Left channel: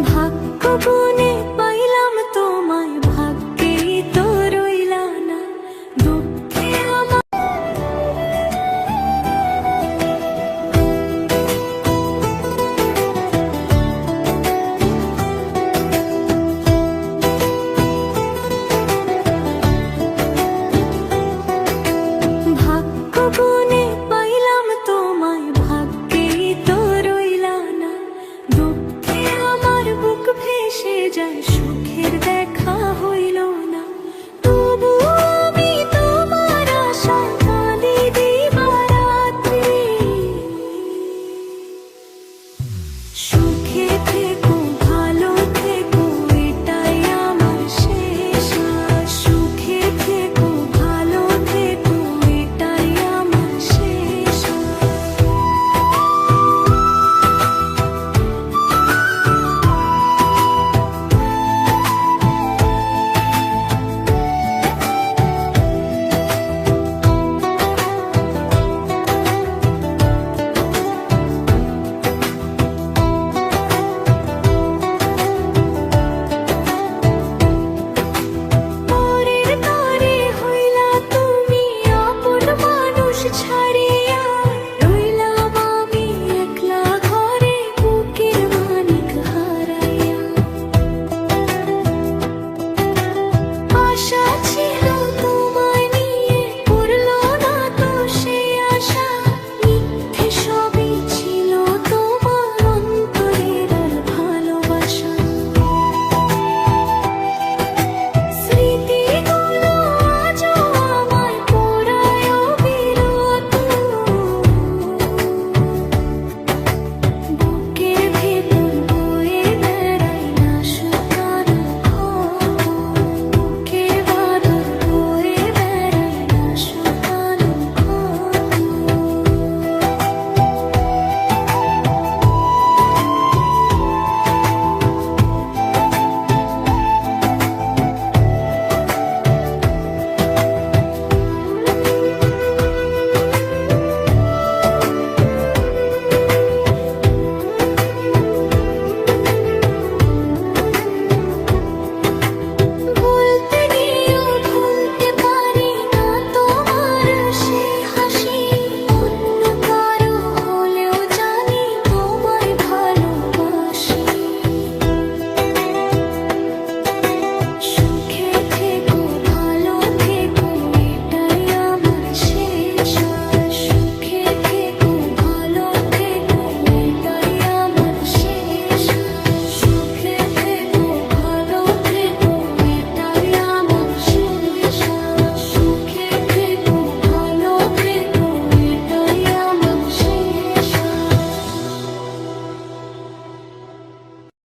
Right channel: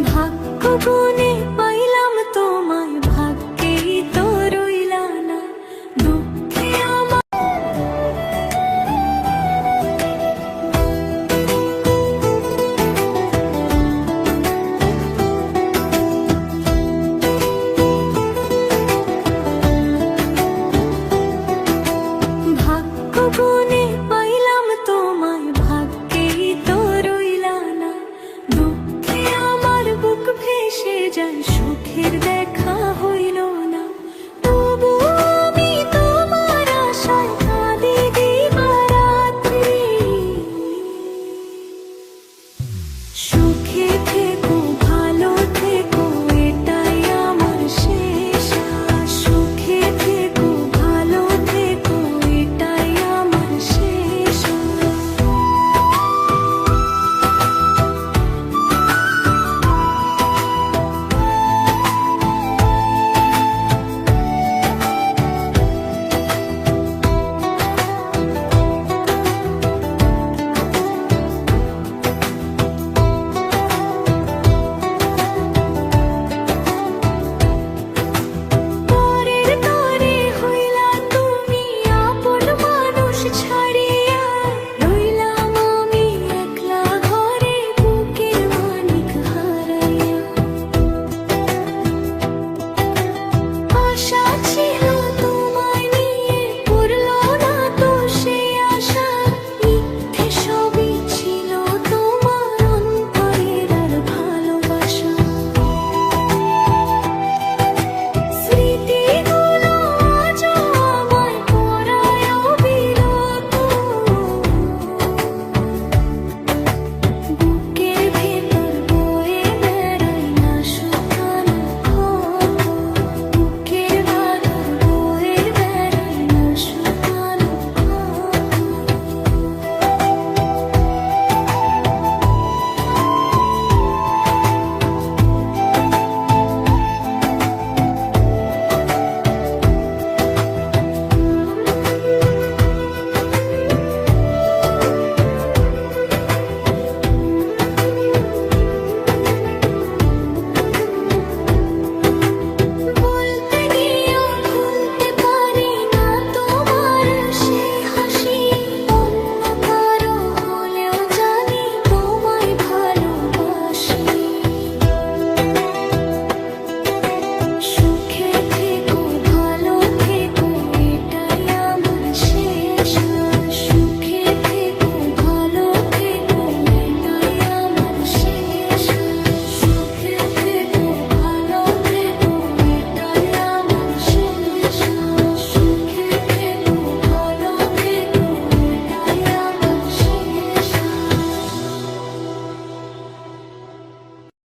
ভাগ্য গুণে পাইলাম তোমায়, ভাগ্যেই তো রইলা না দুঃখে আমার। ভাগ্য গুণে পাইলাম তোমায়, ভাগ্যেই তো রইলা না দুঃখে আমার বুক ভেসে যায়, সুখের দেখা হইল না। তবু আমি তোমার আশায় কাঁদি দিবারাত্রি। সুখে থেকো ভালো থেকো এটাই আমার শেষ আশ। সুখে থেকো ভালো থেকো এটাই আমার শেষ আশ। ছাড়িয়া রইলাম আমি একলা ঘরে, বুকের মানিক হারাইয়া। আশা ছিল তোমায় নিয়ে, করল না তো সে আশা। মিথ্যে সবই ছিল তোমার অন্তরের আর ভালোবাসা।